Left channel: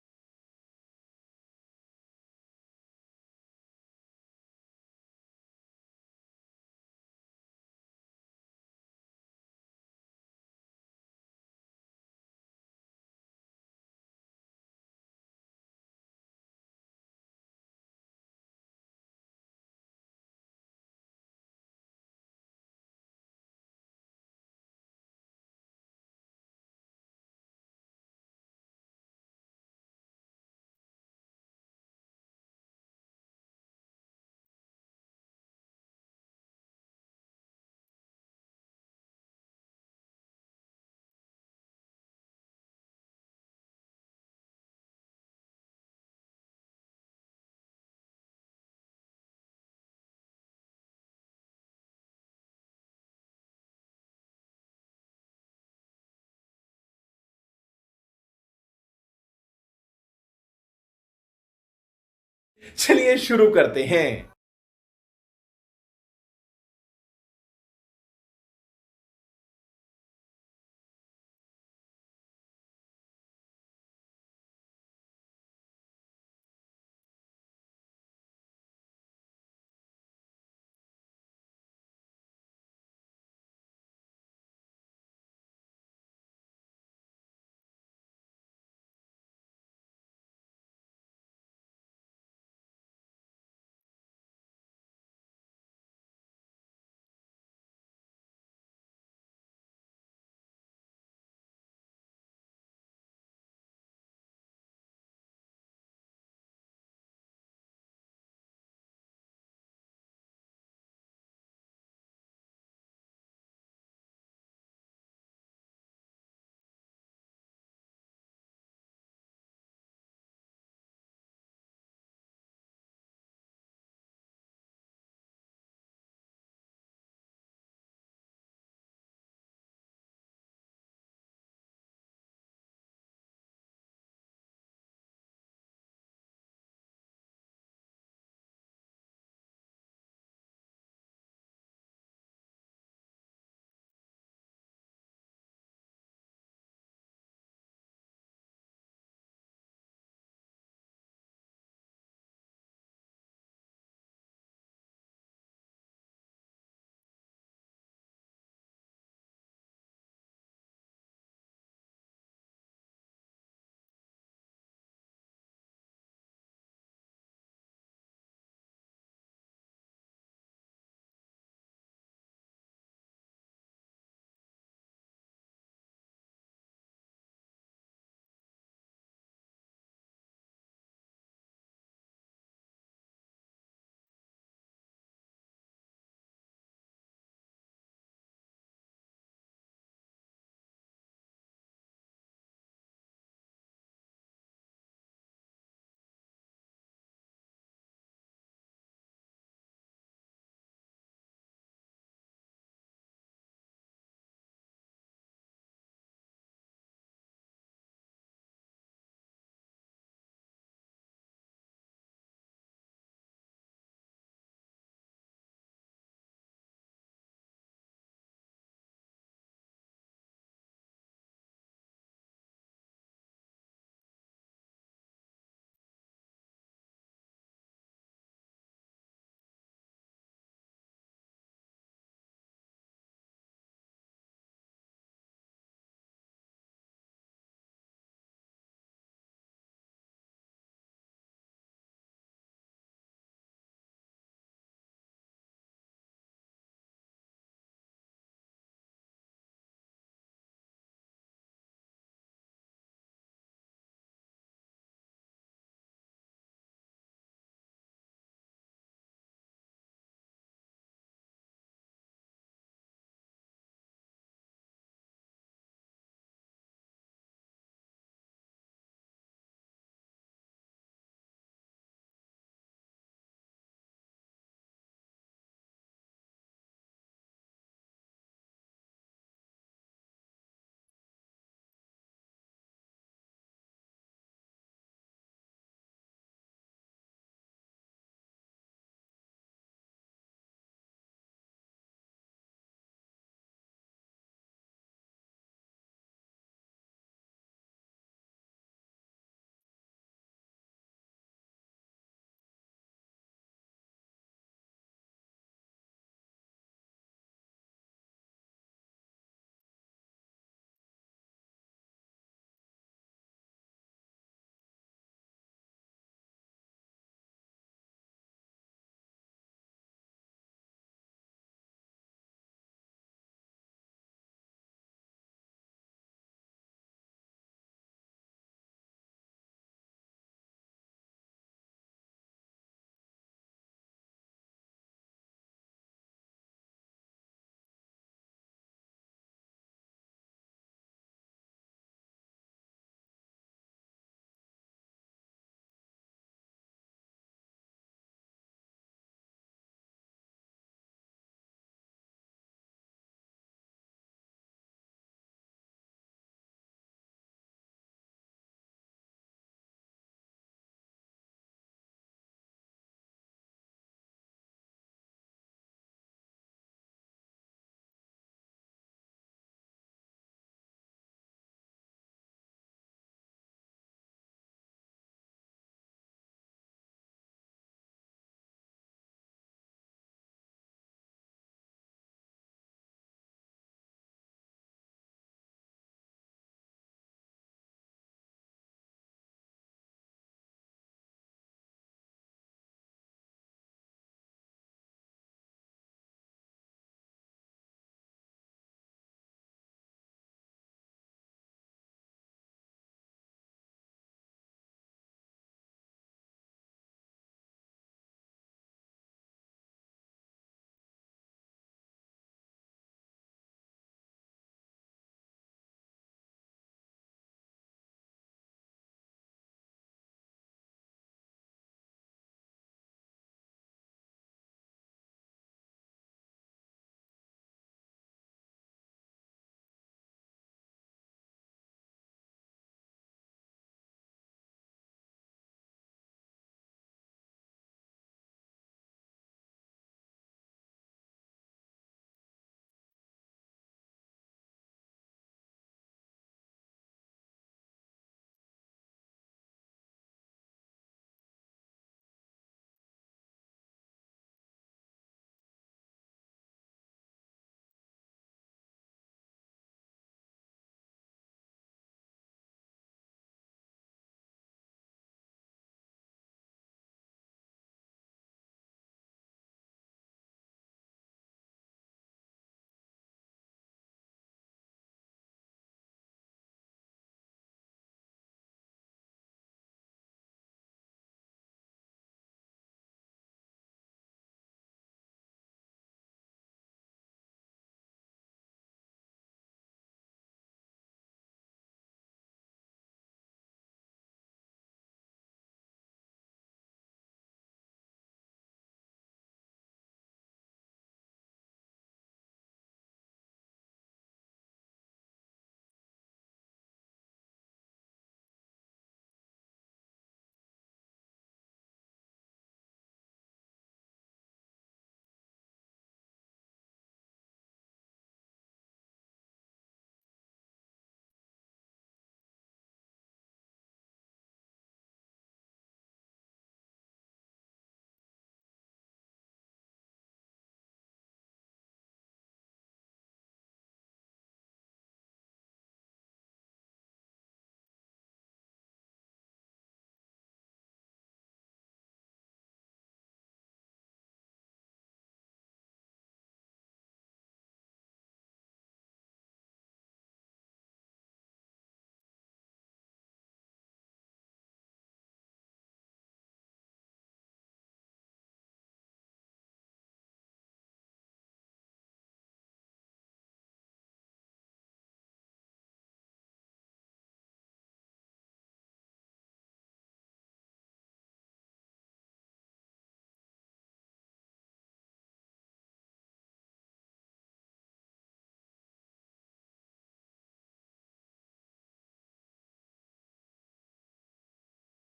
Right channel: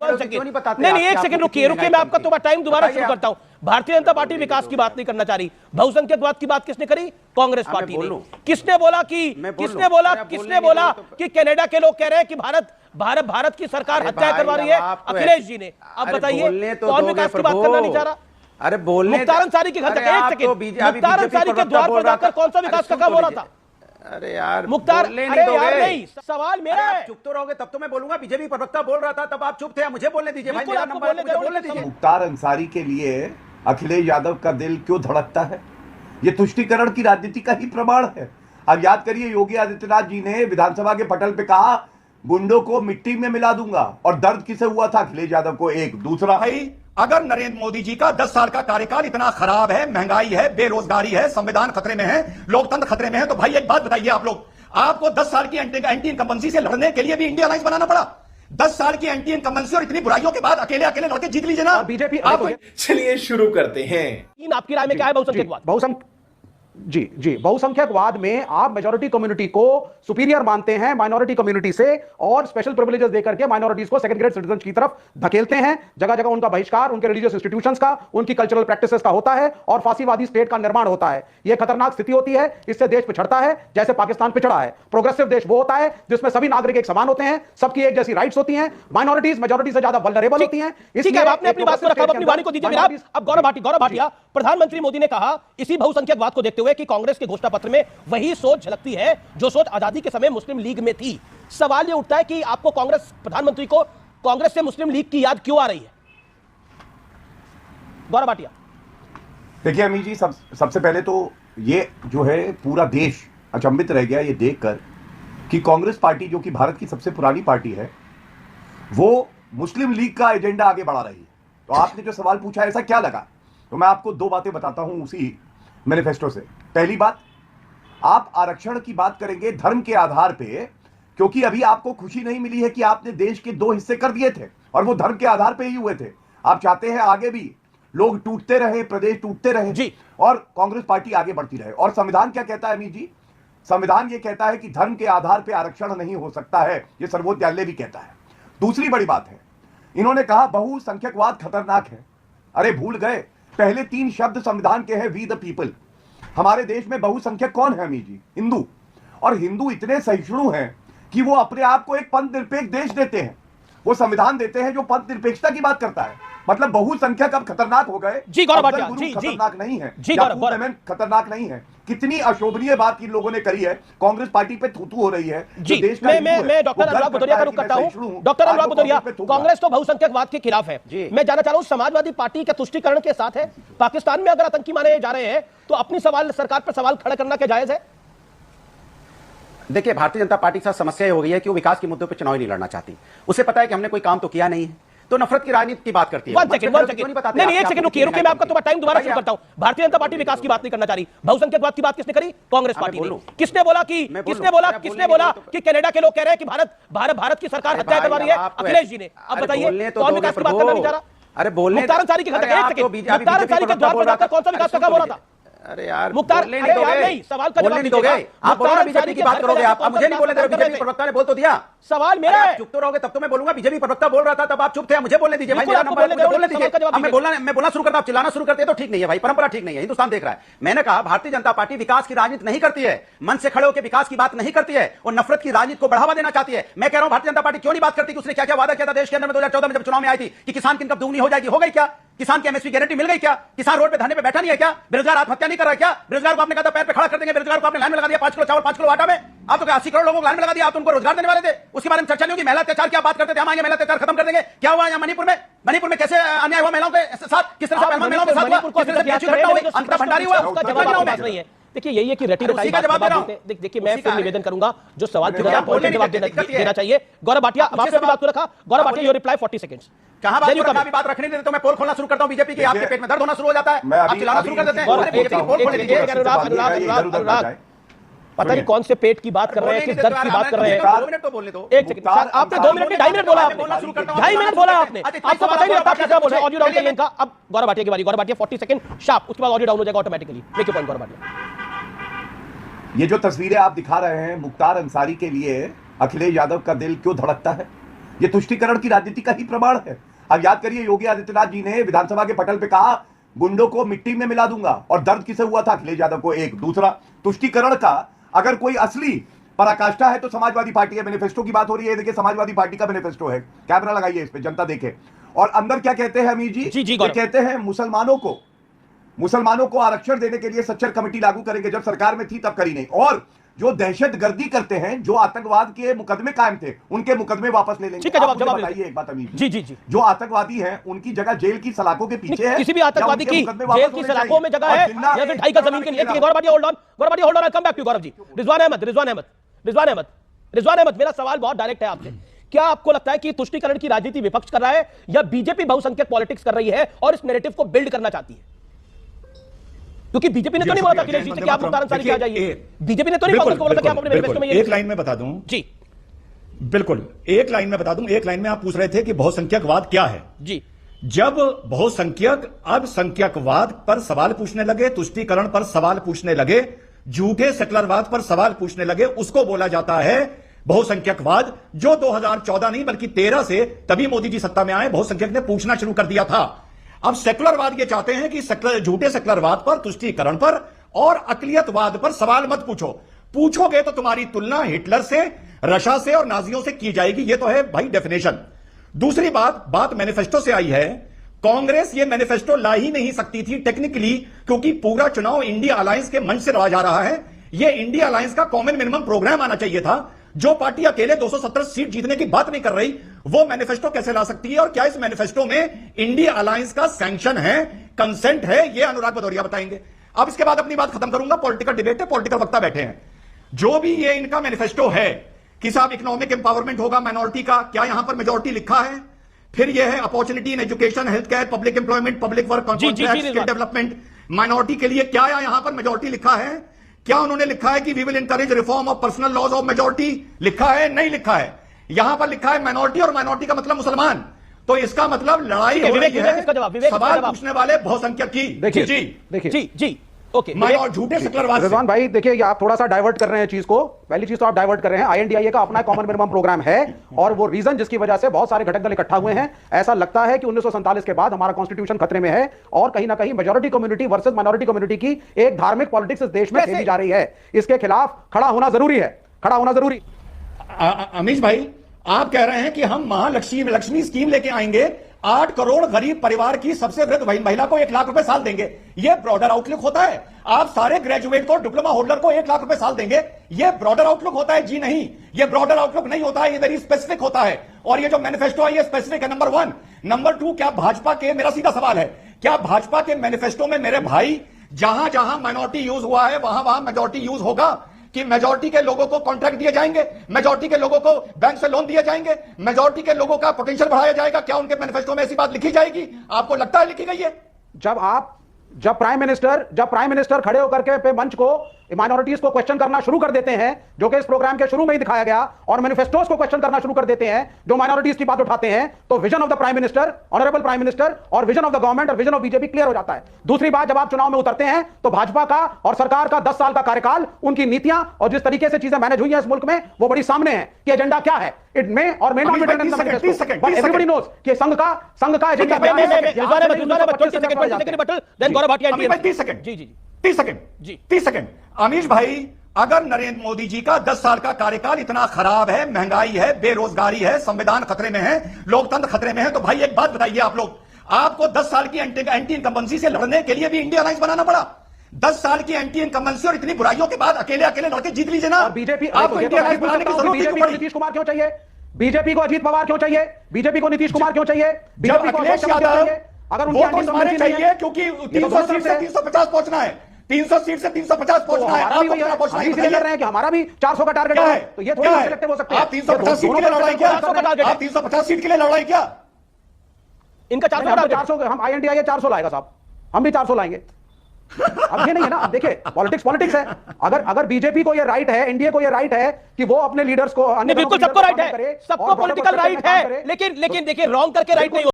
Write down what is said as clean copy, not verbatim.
नहीं, एक सेकंड रुकिए, मैं आपका तो टाइम दोबारा शुरू करता हूं। भारतीय जनता पार्टी विकास की बात नहीं करना चाह रही, बहुसंख्यकवाद की बात किसने करी? कांग्रेस पार्टी ने। किसने बोला कि कनाडा के लोग कह रहे हैं कि भारत की सरकार हत्या करवा रही है? अखिलेश जी ने। अब बताइए कौन विकास की बात करना नहीं चाह रहा? अरे बोलने मुख्तार अंसारी के घर तक, एक सेकंड, मुख्तार अंसारी के द्वार पर जाकर कौन सा विकास का काम हो रहा था? अरे यार मुख्तार, अरे यार नहीं, सवाल मेरा है। चुप तो रहोगे तब तो मैं बोलूंगा। बीजेपी प्रवक्ता बोल रहा था तब आप चुप थे, मुझे बोलने दीजिए भाई, मेरा नंबर है, मुझे बोलने दीजिए। मुख्तार अंसारी के लिए अखिलेश यादव का दिल क्यों धड़कता है? ये तुष्टीकरण की राजनीति का ही प्रमाण है। अब याद करिए, योगी आदित्यनाथ जी ने विधानसभा के पटल पे कहा गुंडों को मिट्टी में मिला दूंगा, और दर्द किसे हुआ था? अखिलेश यादव को। एक दूसरा, भाई अगर नरेंद्र मोदी जी का 10 साल का कार्यकाल इतना खराब है, महंगाई है, बेरोजगारी है, संविधान खतरे में है, लोकतंत्र खतरे में है, तो भाई एक बात बताइए आप लोग, आपको 10 साल की एंटी इनकम्बेंसी से लड़ने के लिए भी इंडिया अलायंस बनाना पड़ा? 10 साल की एंटी इनकम्बेंसी और इतनी बुराइयों के बाद अकेले लड़के जीत लीजिए ना बीजेपी। आप चलिए शुरू करते हैं। आपकी राय में क्या है बहुसंख्यकवाद? जी बहुसंख्यकवाद में आप मेजॉरिटी कम्युनिटी को सुपीरियर मानते हैं माइनॉरिटी कम्युनिटी से, और स्पेशल प्रिविलेजेस देकर के माइनॉरिटीज को सेकंड ग्रेड सिटीजन की तरफ धकेलते हैं। जगह जगह उनका बहिष्कार, उनके रिलीजियस इंस्टीट्यूशंस का, उनकी कल्चरल प्रैक्टिसेस का होता है, और फांसीवादी स्टेट का निर्माण होता है। यह खतरनाक स्थिति होती है, इससे देश पिछड़ता है जैसे पाकिस्तान पिछड़ा है। प्रोग्रेसिव देश वो होता है जिसमें सभी नागरिक एक समान होते हैं, सबकी एक जैसी राइट्स होती हैं, माइनॉरिटीज मेजॉरिटी से ज्यादा वल्नरेबल होती हैं। इसलिए आपने अपनी बात को रखा, अपनी वाणी को दीजिए। अब गौरव भाटिया, प्रधानमंत्री मोदी ने कहा इसी बहुसंख्यकवाद को देखते हुए कि कांग्रेस के घोषणा पत्र में वही सोच झलकती है जो सोच आजादी के समय मुस्लिम लीग में थी। सवाल यह उठता है कि आपको प्रधानमंत्री को कांग्रेस से मुस्लिम लीग की याद क्यों आ रही है? गौरव भाटिया। देखिए अमीर जी, सबसे पहले तो ये जो है पूरा देश अचंभित रह गया ये देखकर कि कांग्रेस पार्टी, जो कि भारत की सबसे पुरानी पार्टी है, वो मुस्लिम लीग का एजेंडा आगे बढ़ा रही है। तो आपने जो सवाल पूछा ऐसा क्या लगा, तो मैं आपको दो बातें बताता हूं उसी मैनिफेस्टो से। पहली बात, आप आरक्षण की बात करेंगे धर्म के आधार पे, क्योंकि अभी आपको खुशी नहीं मिली है कि आपने देश के 2 हिस्से कर दिए थे, और वो धर्म के आधार पे ही हुए थे। आप चाहते हैं आगे भी लोग टूटते रहे, प्रदेश टूटते रहे जी, और कांग्रेस पार्टी आगे बढ़ती रहे। और संविधान क्या कहता है अमीर जी? संविधान ये कहता है कि धर्म के आधार पे आरक्षण नहीं हो सकता है, ये सर्वोच्च न्यायालय भी कहता है। दूसरी बड़ी बात है, इन्होंने कहा बहुसंख्यकवाद खतरनाक है। अरे भूल गए, पहले 3 शब्द संविधान के हैं, वी द पीपल। हमारे देश में बहुसंख्यक कौन है अमीर जी? हिंदू। और हिंदू इतने सहिष्णु हैं कि वो अपने आप को एक पंथ निरपेक्ष देश देते हैं। वो संविधान देते हैं जो पंथ निरपेक्षता की बात करता है। मतलब बहुसंख्यक अब खतरनाक हो गए जी। गौरव भाटिया जी, खतरनाक नहीं है जी, खतरनाक नहीं है। कितनी अशोभनीय बात इन लोगों ने करी है, कांग्रेस पार्टी पे थूथू हो रही है जी। मैं डॉक्टर अनुराग भदौरिया का रुख करता हूं। डॉक्टर अनुराग भदौरिया, कांग्रेस तो बहुसंख्यकवाद के खिलाफ है, मैं जानना चाह रहा हूं समाजवादी पार्टी का तुष्टीकरण के साथ है? पाकिस्तान में अगर आतंकी माने जा रहे हैं तो अपनी सरकार पर सवाल खड़ा करना क्या जायज है? देखिए, भारतीय जनता पार्टी के साथ समस्या ये हो गई है कि वो विकास के मुद्दों पर चुनाव नहीं लड़ना चाहती। उसे पता है कि हमने कोई काम तो किया नहीं है, तो नफरत की राजनीति की बात करती है। एक सेकंड रुकिए, मैं आपका तो टाइम दोबारा शुरू करता हूं। भारतीय जनता पार्टी विकास की बात नहीं करना चाह रही, बहुसंख्यकवाद की बात किसने करी? कांग्रेस पार्टी ने। किसने बोला कि कनाडा के लोग कह रहे हैं कि भारत की सरकार हत्या करवा रही है? अखिलेश जी ने। अब बताइए कौन विकास की बात करना नहीं चाह रहा? अरे बोलने, मुख्तार अंसारी के घर तक, एक सेकंड, मुख्तार अंसारी के द्वार पर जाकर कौन सा विकास का काम हो रहा था? अरे यार मुख्तार, नहीं सवाल का जवाब नहीं दोगे। आप बोलो ना बीजेपी की बात करोगे, आप मुझे नहीं बोले थे। बीजेपी प्रवक्ता ने बोल तो दिया। सवाल मेरा है। चुप तो रहोगे तब तो मैं बोलूंगा। बीजेपी प्रवक्ता बोल रहा था तब आप चुप थे, मुझे बोलने दीजिए भाई, मेरा नंबर है, मुझे बोलने दीजिए। मैं बोलना शुरू करता, आप चिल्लाना शुरू करते हैं तो ठीक नहीं है भाई, परंपरा ठीक नहीं है, हिंदुस्तान देख रहा है। मैंने कहा भारतीय जनता पार्टी विकास की राजनीति नहीं करती है, मन से खड़े होकर विकास की बात नहीं करती है, और नफरत की राजनीति को बढ़ावा देना चाहती है। मैं कह रहा हूं भारतीय जनता पार्टी क्यों नहीं बात करती कि उसने क्या क्या वादा किया था देश के अंदर में 2014 में जब चुनाव में आई थी कि किसान की इनकम दुगनी हो जाएगी? हो गई क्या? किसान की एमएसपी गारंटी मिल गई क्या? किसान रोड पे धरने पे बैठा नहीं है क्या? बेरोजगार आत्महत्या नहीं कर रहा है क्या? बेरोजगार को आपने कहा था पैर पे खड़ा कर देंगे, बेरोजगार को आपने लाइन में लगा दिया 5 किलो चावल 5 किलो आटा में। आप तो 80 करोड़ लोगों को लाइन में लगा दिया, आप तो उनको रोजगार देने वाले थे, उसके बारे में चर्चा नहीं होगी। महिला अत्याचार की आप बात करते थे, हम आएंगे महिला अत्याचार खत्म कर देंगे। क्या हुआ यहाँ मणिपुर में कैसे अन्याय हुआ महिलाओं के साथ? किस तरह से महिलाओं के साथ हुआ? किस तरह से घटना हुई? अंकिता भंडारी हुआ, उसका जवाब नहीं है। देखिए यही है कि रटी रटाई बात देते। देखिए मैं फिर निवेदन करूंगा जो सवाल के जवाब देना चाहिए। गौरव भाटिया, अब आपसे बात को रखा। Gaurav Bhatia, your reply 40 seconds. कहां बात रखने देते तो मैं पोल खोलना शुरू करता हूं बीजेपी की। आपके पेट में दर्द होना शुरू हो जाता है, आप चिल्लाना शुरू कर देते हैं। पता नहीं कौन से पेट की बात कर रहे हैं, किस दर्द की बात कर रहे हैं। 2 मिनट तो बोलने दो। एक सेकंड, आपने 2 मिनट 2.5 मिनट बोला, आपने 2.5 मिनट बोला आपने, आपको पता ही नहीं था क्या बोल रहे हैं। ऑडियो डाउन करिए इनका। अब गौरव भाटिया की बारी। गौरव भाटिया 40 सेकंड शार्प, उसके बाद ऑडियो डाउन हो जाएगा ऑटोमेटिकली। देखिए पॉइंट गौरव भाटिया। ये जो तस्वीरें आप दिखा रहे हैं, मुख्तार अंसारी के लिए अखिलेश यादव का दिल क्यों धड़कता है? ये तुष्टीकरण की राजनीति का ही प्रमाण है। अब याद करिए, योगी आदित्यनाथ जी ने विधानसभा के पटल पे कहा गुंडों को मिट्टी में मिला दूंगा, और दर्द किसे हुआ था? अखिलेश यादव को। एक दूसरा, तुष्टीकरण का अगर कोई असली पराकाष्ठा है तो समाजवादी पार्टी है। मैनिफेस्टो की बात हो रही है, देखिए समाजवादी पार्टी का मैनिफेस्टो है, कैमरा लगाइए इस पे, जनता देखे। और अंदर क्या कहते हैं अमीर जी? जी, ये कहते हैं मुसलमानों को आरक्षण देने के लिए सच्चर कमेटी लागू करेंगे, जब सरकार में थी तब करी नहीं। और जो दहशतगर्दी करते हैं, जो आतंकवाद के मुकदमे कायम थे, उनके मुकदमे वापस ले लेंगे। ठीक है, जवाब बताइए एक बात अमीर जी। जी, जो आतंकवादी हैं उनकी जगह जेल की सलाखों के पीछे है। किसी भी आतंकवादी की जेल की सलाखों में जगह है या फिर 2.5 गज जमीन के लिए? Gaurav Bhati hold on, I come back to Gaurav ji. Rizwan Ahmed, मेरा सवाल बहुत डायरेक्ट है आपसे। क्या आपको लगता है कि तुष्टीकरण की राजनीति विपक्ष कर रहा है या बीजेपी बहुसंख्यक पॉलिटिक्स कर रही है और इस नैरेटिव को बिल्ड करना चाहती है? क्योंकि बीजेपी ने तो नहीं बोला था अखिलेश जी से कि आप मुख्तार अंसारी की आ जाइए। बीजेपी ने तो नहीं बोला था कि आप अपने मैनिफेस्टो में ये। एक लाइन में बता दूं जी, बिल्कुल एक लाइन में बता दूं। एक लाइन में आप पूछ रहे थे कि बहुसंख्यकवाद क्या है जी। जब बहुसंख्यक अब संख्यकवाद पर सवाल पूछने लगे, तुष्टीकरण पर सवाल पूछने लगे, झूठे सेकुलरवाद पर सवाल पूछने लगे, उसको बोला जाता है बहुसंख्यकवाद। जो 2014 नहीं बल्कि 13 से, तभी मोदी जी सत्ता में आए, बहुसंख्यक ने पूछना शुरू कर दिया था। अब सेकुलरवाद ये चाहते हैं कि झूठे सेकुलरवाद पर, तुष्टीकरण पर और अकलियतवाद पर सवाल मत पूछो। पूछोगे तो तुम्हारी तुलना हिटलर से, रशिया से और नाजियों से की जाएगी। ये तो है भाई डेफिनेशन। दूसरी बात मैनिफेस्टो से आई है। कांग्रेस ये मैनिफेस्टो ला ही नहीं सकती थी टेक्निकली, क्योंकि पूरा चुनाव इंडिया अलायंस के मंच से रहा जा रहा है। ये इंडिया अलायंस का कॉमन मिनिमम प्रोग्राम आना चाहिए था। जो पार्टी अकेले 270 सीट जीतने की बात नहीं कर रही, वो मैनिफेस्टो कैसे ला सकती है? और क्या इस मैनिफेस्टो में इंडिया अलायंस का सैंक्शन है, कंसेंट है? ये अनुराग भदौरिया बताएंगे। अब इसके बाद अपनी बात खत्म करूंगा। पॉलिटिकल डिबेट है, पॉलिटिकल वक्ता बैठे हैं। जो भी ये इनका मैनिफेस्टो है कि साहब इकोनॉमिक एम्पावरमेंट होगा माइनॉरिटी का, क्या यहां पर मेजॉरिटी लिखा है? फिर यह है opportunity in education, health care, public employment, public work, contract, skill development, minority के लिए क्या यहां पर मेजॉरिटी लिखा है? क्या उन्होंने लिखा है कि we will encourage reform of personal laws of majority? लिखा है? नहीं लिखा है। यहां पर लिखा है माइनॉरिटी, और माइनॉरिटी का मतलब मुसलमान। तो इसका मतलब लड़ाई हो रही है सवाल पूछने वाले बहुसंख्यक की। देखिए जी ओके। और झूठे सेकुलरवाद। रिजवान भाई देखिए, ये आप थोड़ा सा डाइवर्ट कर रहे हैं चीज को। पहली चीज तो आप डाइवर्ट कर रहे हैं, आईएनडीआईए का अपना कॉमन मिनिमम प्रोग्राम है, और वो रीजन जिसकी वजह से बहुत सारे घटक दल इकट्ठा हुए हैं। ऐसा लगता है कि 1947 के बाद हमारा कॉन्स्टिट्यूशन खतरे में है, और कहीं ना कहीं majority community versus minority community की एक धार्मिक पॉलिटिक्स इस देश में खेली जा रही है। इसके खिलाफ खड़ा होना जरूरी है, खड़ा होना जरूरी। अमीश भाई, आप कह रहे हैं कि हम महालक्ष्मी स्कीम लेके आएंगे, 8 करोड़ गरीब परिवार की सबसे वृद्ध महिला को 1 लाख रुपए साल देंगे। यह ब्रॉडर आउटलुक होता है। आप सारे ग्रेजुएट को, डिप्लोमा होल्डर को 1 लाख रुपए साल देंगे, यह ब्रॉडर आउटलुक होता है? जी नहीं, यह ब्रॉडर आउटलुक नहीं होता है, यह वेरी स्पेसिफिक होता है। और ये जो मैनिफेस्टो है ये स्पेसिफिक है, नंबर 1। नंबर 2, क्या भाजपा के, मेरा सीधा सवाल है, क्या भाजपा के मैनिफेस्टो में मेरे भाई जहां जहां माइनॉरिटी यूज हुआ है वहां वहां मेजॉरिटी यूज होगा? कि मेजॉरिटी के लोगों को कॉन्ट्रैक्ट दिए जाएंगे, मेजॉरिटी के लोगों को बैंक से लोन दिए जाएंगे, मेजॉरिटी के लोगों का पोटेंशियल बढ़ाया जाएगा? क्या उनके मैनिफेस्टो में ऐसी बात लिखी जाएगी? आपको लगता है लिखी गई है? जब प्राइम मिनिस्टर खड़े होकर के पे मंच को माइनॉरिटीज को क्वेश्चन करना शुरू कर देते हैं, जो कि इस प्रोग्राम के शुरू में ही दिखाया गया, और मैनिफेस्टोस को क्वेश्चन करना शुरू कर देते हैं जो माइनॉरिटीज की बात उठाते हैं, तो vision of the prime minister, honourable prime minister, और विजन ऑफ द गवर्नमेंट और विजन ऑफ बीजेपी क्लियर हो जाता है। दूसरी बात, जब आप चुनाव में उतरते हैं तो भाजपा का और सरकार का 10 साल का कार्यकाल, उनकी नीतियां और जिस तरीके से चीजें मैनेज हुई हैं इस मुल्क में, वो बड़ी सामने है कि एजेंडा क्या है। It may or may not be written in the manifesto, but everybody knows कि संघ का एजेंडा क्या है। 30 सेकंड। अमीश भाई, अगर नरेंद्र मोदी जी का 10 साल का कार्यकाल इतना खराब है, महंगाई है, बेरोजगारी है, संविधान खतरे में है, लोकतंत्र खतरे में है, तो भाई एक बात बताइए आप लोग, आपको 10 साल की एंटी इनकम्बेंसी से लड़ने के लिए भी इंडिया अलायंस बनाना पड़ा? 10 साल की एंटी इनकम्बेंसी और इतनी बुराइयों के बाद अकेले लड़के जीत लीजिए ना। बीजेपी आपको इंडिया अलायंस बनाने की जरूरत बीजेपी को नीतीश कुमार क्यों चाहिए? बीजेपी को अजीत पवार क्यों चाहिए? बीजेपी को नीतीश कुमार क्यों चाहिए? बीजेपी को अखिलेश यादव, अगर वो तो हमारे चाहिए क्योंकि 300 सीट से 350 पहुंचना है, 300 सीट से 350 पहुंचना है। आप इसलिए लड़ रहे हैं कि हमारा भी 400 का टारगेट है, तो ये थोड़ी सिलेक्टिव हो सकते हैं। आप 350 सीट के लिए लड़ रहे हैं क्या? आप 350 सीट के लिए लड़ रहे हैं क्या? इनका 400 हम आईएनडीआईए 400 लाएगा साहब, हम भी 400 लाएंगे। अब ये नहीं है ना, अब देखिए पॉलिटिक्स है। अगर बीजेपी को ये राइट है, एनडीए को ये राइट है कि वो अपने लीडर्स को, बिल्कुल सबको राइट है, सबको पॉलिटिकल राइट है, लेकिन देखिए रॉन्ग करके राइट नहीं